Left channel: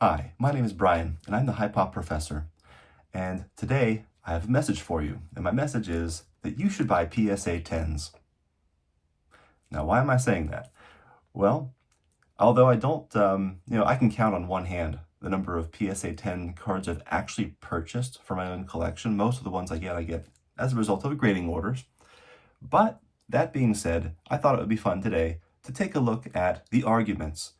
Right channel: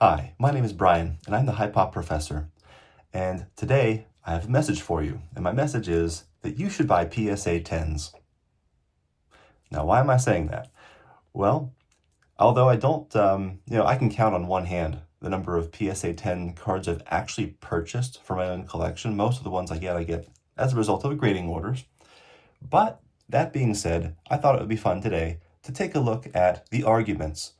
Hi, my name is Brian, and I'm the High Pop Professor. And today I have a message for you, and my message is that you should buy PSA 10s. Now, why am I saying that? Well, although I don't, I can count on one hand the number of PSA 10 cards I've actually purchased for my own collection. Most of the ones I get as a result of grading orders. But that being said, I thought it would be fun today to take a look at the arguments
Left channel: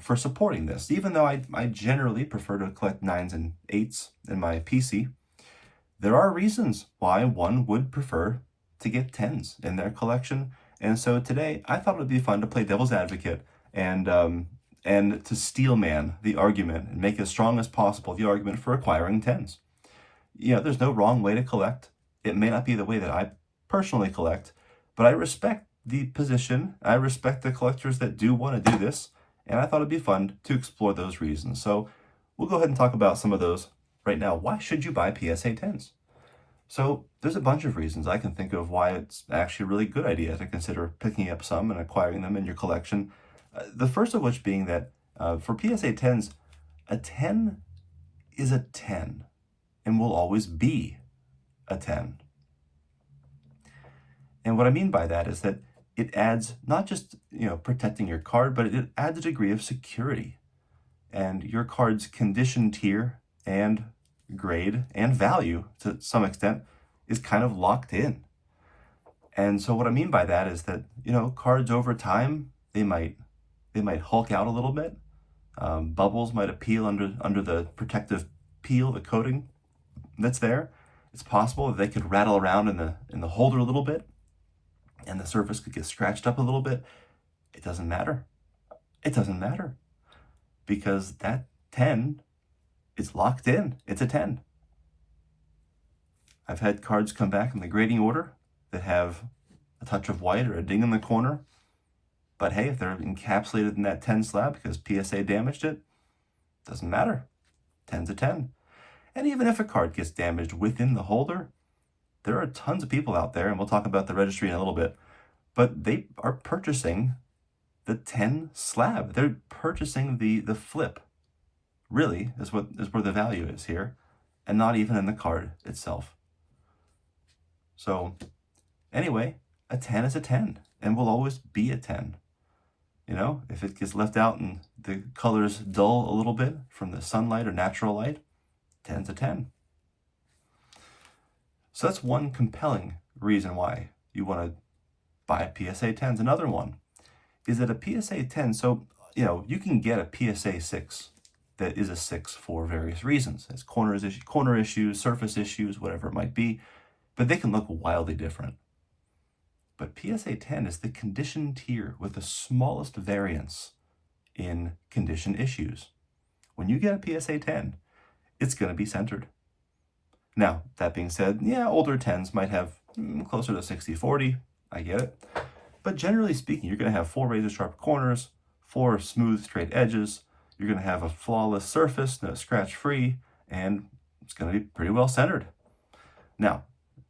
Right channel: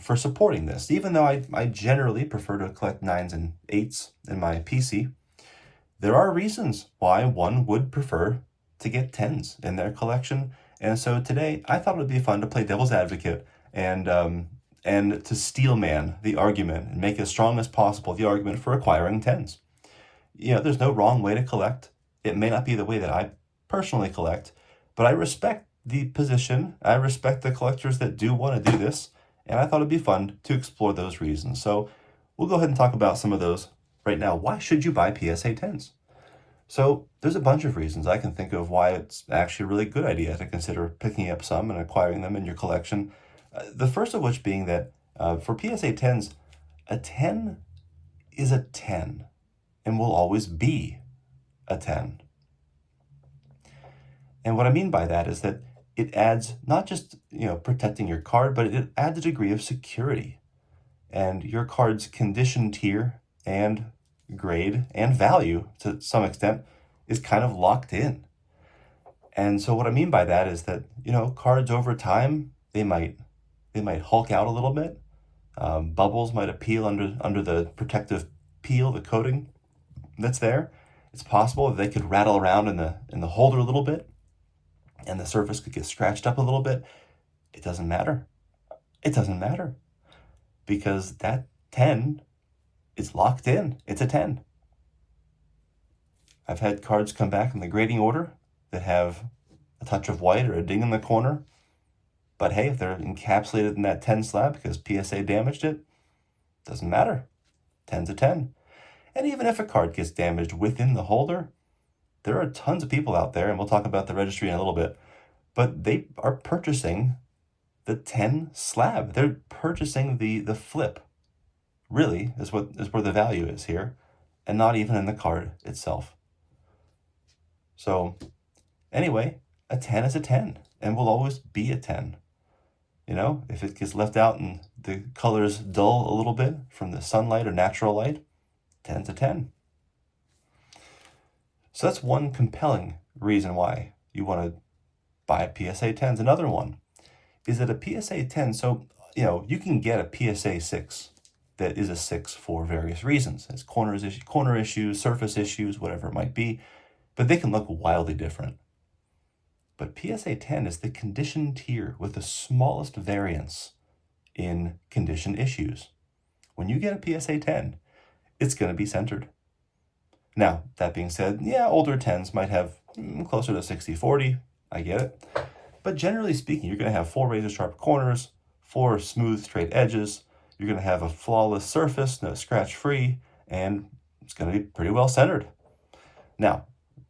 for supporting this. Even though I generally prefer to collect 9s and 8s in my PC, there are reasons why one would prefer to get 10s in their collection. And so today I thought it would be fun to play devil's advocate and to steelman the argument and make as strong as possible the argument for acquiring 10s. There's no wrong way to collect. It may not be the way that I personally collect, but I respect the position. I respect the collectors that do want to do this, and I thought it'd be fun to explore those reasons. So we'll go ahead and talk about some of those right now. Why should you buy PSA 10s? So there's a bunch of reasons I can think of why it's actually a really good idea to consider picking up some and acquiring them in your collection. The first of which being that for PSA 10s, a 10 is a 10 and will always be a 10. And what I mean by that is that it adds not just, protecting your card, but it adds a degree of security. And your card's condition tier and grade and value to some extent is kind of locked in. And so what I mean by that is that, cards over time, they might hulk out a little bit. Bubbles might appeal under the protective peel, the coating that's there. It's possible that they could rattle around in the holder a little bit, and the surface could get scratched up a little bit. It doesn't matter. It doesn't matter because that 10 is locked in. It's a 10. I've had cards come back in the grading order that have a touch of white or a ding in the corner. But hey, if they're encapsulated in that 10 slab because PSA damaged it, doesn't matter. 10's a 10. And even if a card gets damaged within the holder, there are tons of people out there, and we'll talk about the registry in a little bit, but they are purchasing the 10 slab. They're purchasing the flip, really, is where the value is here, and not even in the card itself. So anyway, a 10 is a 10 and will always be a 10. If it gets left out and the colors dull a little bit from the sunlight or natural light, 10's a 10. So that's one compelling reason why you want to buy a PSA 10s. Another one is that a PSA 10, so, you can get a PSA 6 that is a 6 for various reasons. It's corner issues, surface issues, whatever it might be, but they can look wildly different. But PSA 10 is the condition tier with the smallest variance in condition issues. When you get a PSA 10, it's going to be centered. Now, that being said, older 10s might have closer to 60-40. I get it. But generally speaking, you're going to have 4 razor-sharp corners, 4 smooth, straight edges. You're going to have a flawless surface, no scratch-free, and it's going to be pretty well centered. Now,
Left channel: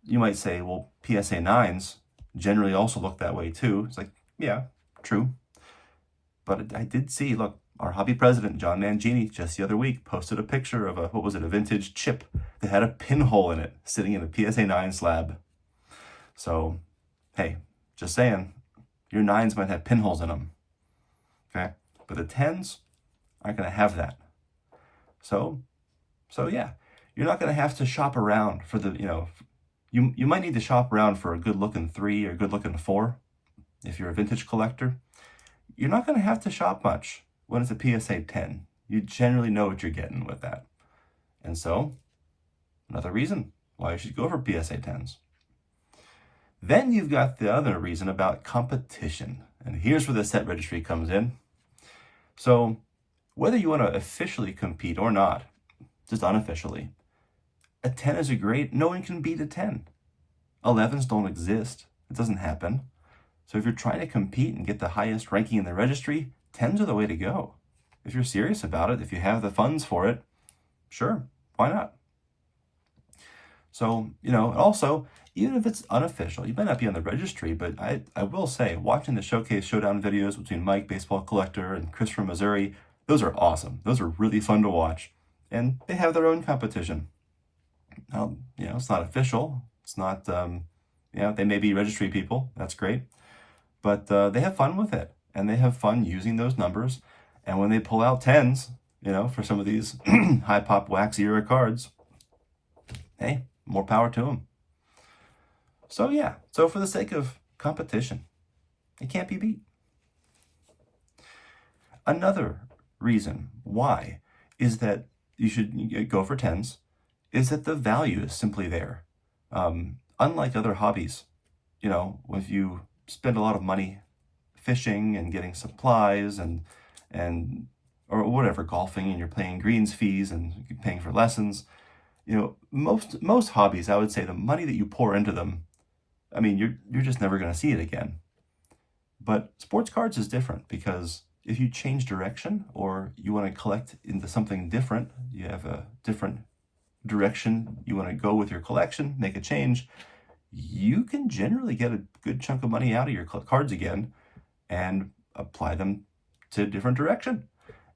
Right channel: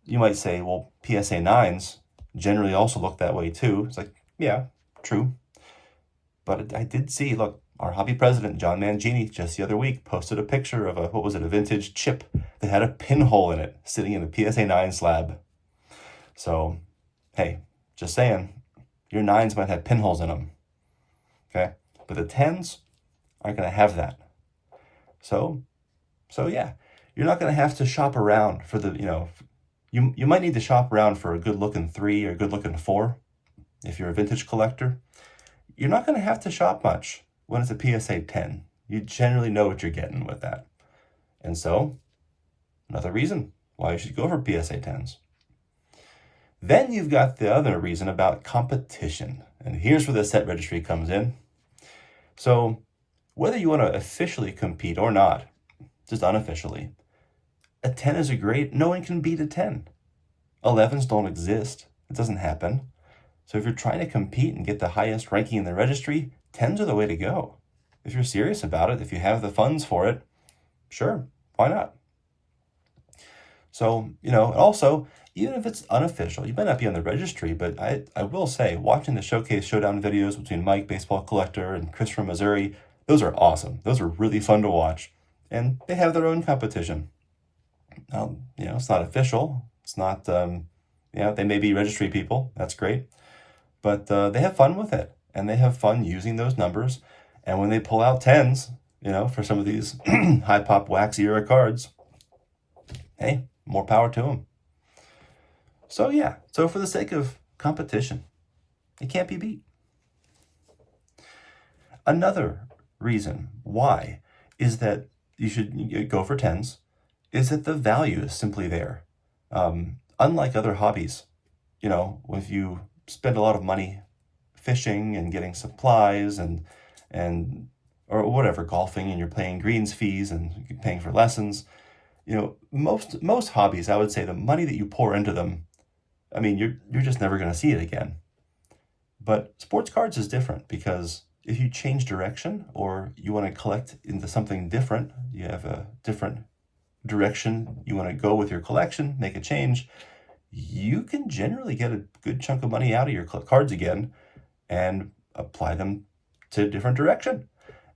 you might say, well, PSA 9s generally also look that way too. It's like, yeah, true. But I did see, look, our hobby president, John Mangini, just the other week posted a picture of a vintage chip that had a pinhole in it sitting in the PSA 9 slab. So, hey, just saying, your 9s might have pinholes in them, okay? But the 10s aren't going to have that. So yeah, you're not going to have to shop around for the, you might need to shop around for a good-looking 3 or a good-looking 4 if you're a vintage collector. You're not going to have to shop much when it's a PSA 10. You generally know what you're getting with that. And so, another reason why you should go for PSA 10s. Then you've got the other reason about competition. And here's where the set registry comes in. So, whether you want to officially compete or not, just unofficially, a 10 is a great, no one can beat a 10. 11s don't exist. It doesn't happen. So if you're trying to compete and get the highest ranking in the registry, 10s are the way to go. If you're serious about it, if you have the funds for it, sure, why not? So, also, even if it's unofficial, you might not be on the registry, but I will say, watching the Showcase Showdown videos between Mike, baseball collector, and Chris from Missouri, Those are awesome. Those are really fun to watch. And they have their own competition. It's not official. It's not, they may be registry people. That's great. But they have fun with it. And they have fun using those numbers. And when they pull out tens, for some of these high pop wax era cards, hey, more power to them. So yeah, so for the sake of competition, it can't be beat. Another reason why is that you should go for tens is that the value is simply there. Unlike other hobbies, if you spend a lot of money fishing and getting supplies and or whatever, golfing, and you're paying greens fees and paying for lessons, most hobbies, I would say the money that you pour into them, I mean, you're just never going to see it again. But sports cards is different because if you change direction or you want to collect into something different, you have a different direction you want to go with your collection, make a change, you can generally get a good chunk of money out of your cards again and apply them to a different direction.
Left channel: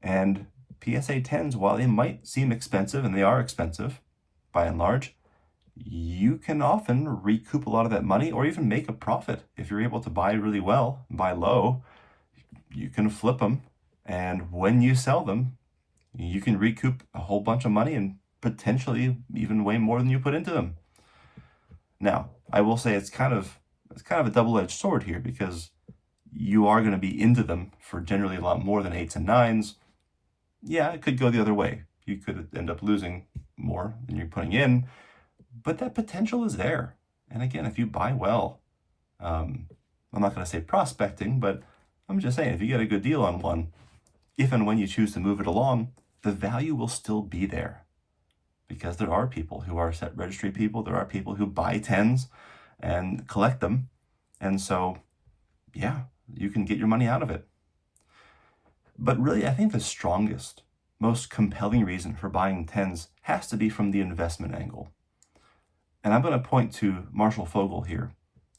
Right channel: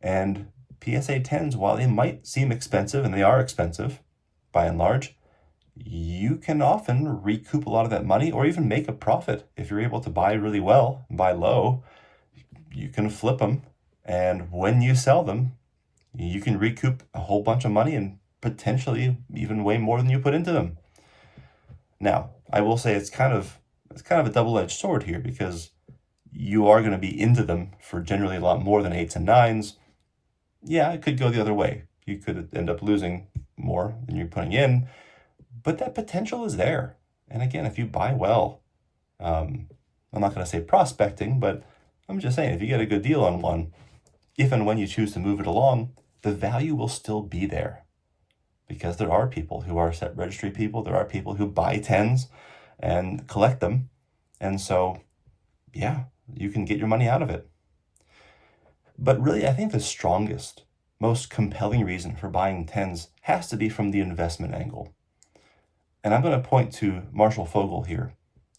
And PSA 10s, while they might seem expensive, and they are expensive by and large, you can often recoup a lot of that money or even make a profit. If you're able to buy really well, buy low, you can flip them. And when you sell them, you can recoup a whole bunch of money and potentially even way more than you put into them. Now, I will say it's kind of a double-edged sword here because you are going to be into them for generally a lot more than 8s and 9s. Yeah, it could go the other way. You could end up losing more than you're putting in, but that potential is there. And again, if you buy well, I'm not going to say prospecting, but I'm just saying if you get a good deal on one, if and when you choose to move it along, the value will still be there. Because there are people who are set registry people, there are people who buy tens and collect them. And so, yeah, you can get your money out of it. But really, I think the strongest, most compelling reason for buying tens has to be from the investment angle. And I'm going to point to Marshall Fogel here,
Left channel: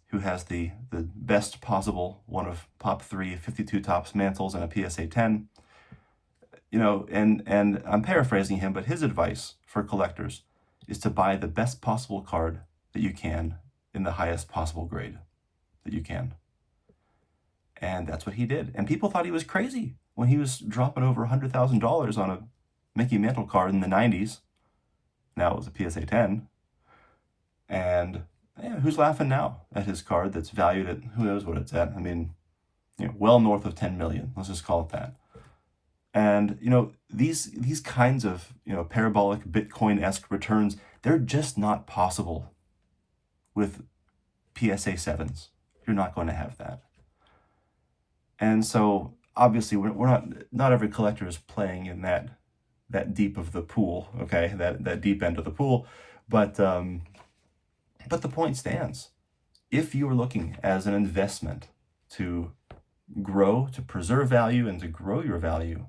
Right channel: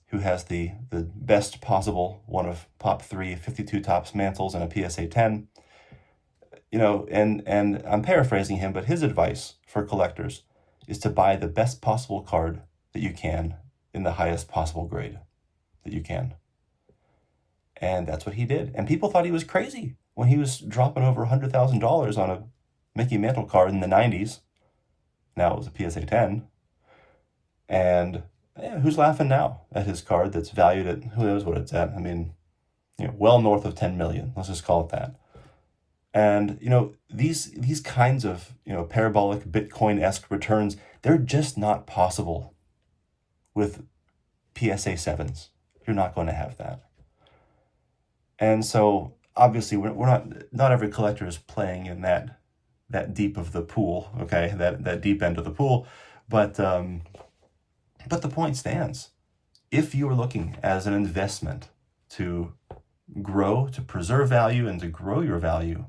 who has the best possible one of Pop 3 52 tops mantles and a PSA 10. And I'm paraphrasing him, but his advice for collectors is to buy the best possible card that you can in the highest possible grade that you can. And that's what he did. And people thought he was crazy when he was dropping over $100,000 on a Mickey Mantle card in the 90s. Now it was a PSA 10. And who's laughing now at his card that's valued at, who knows what it's at? I mean, well north of 10 million. Let's just call it that. And, these kinds of, parabolic Bitcoin-esque returns, they're just not possible with PSA 7s. You're not going to have that. And so, obviously, we're not every collector is playing in that deep of the pool, okay, that deep end of the pool. But the point stands. If you are looking as an investment to grow, to preserve value, and to grow your value,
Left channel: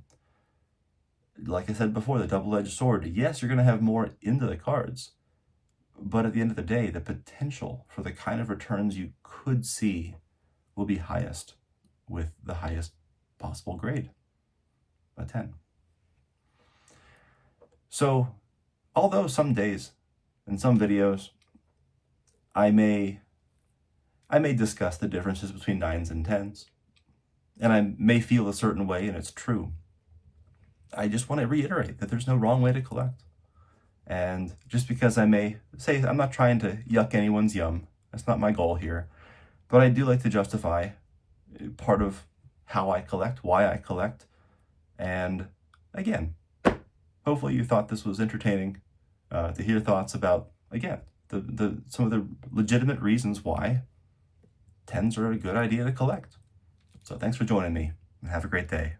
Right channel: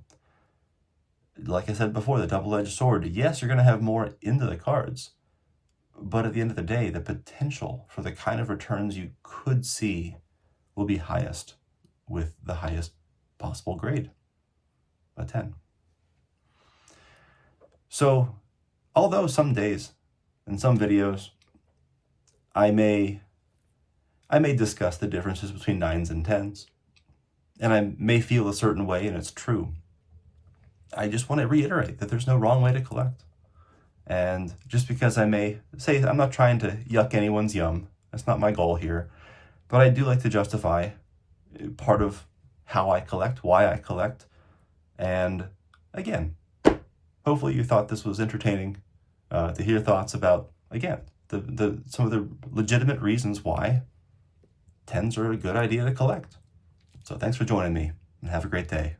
like I said before, the double-edged sword, yes, you're going to have more into the cards, but at the end of the day, the potential for the kind of returns you could see will be highest with the highest possible grade, a 10. So, although some days in some videos, I may discuss the differences between 9s and 10s, and I may feel a certain way, and it's true. I just want to reiterate that there's no wrong way to collect. And just because I may say, I'm not trying to yuck anyone's yum, that's not my goal here, but I do like to justify part of how I collect, why I collect, and again, hopefully you thought this was entertaining to hear thoughts about, again, some of the legitimate reasons why 10s are a good idea to collect. So thanks for joining me, and have a great day.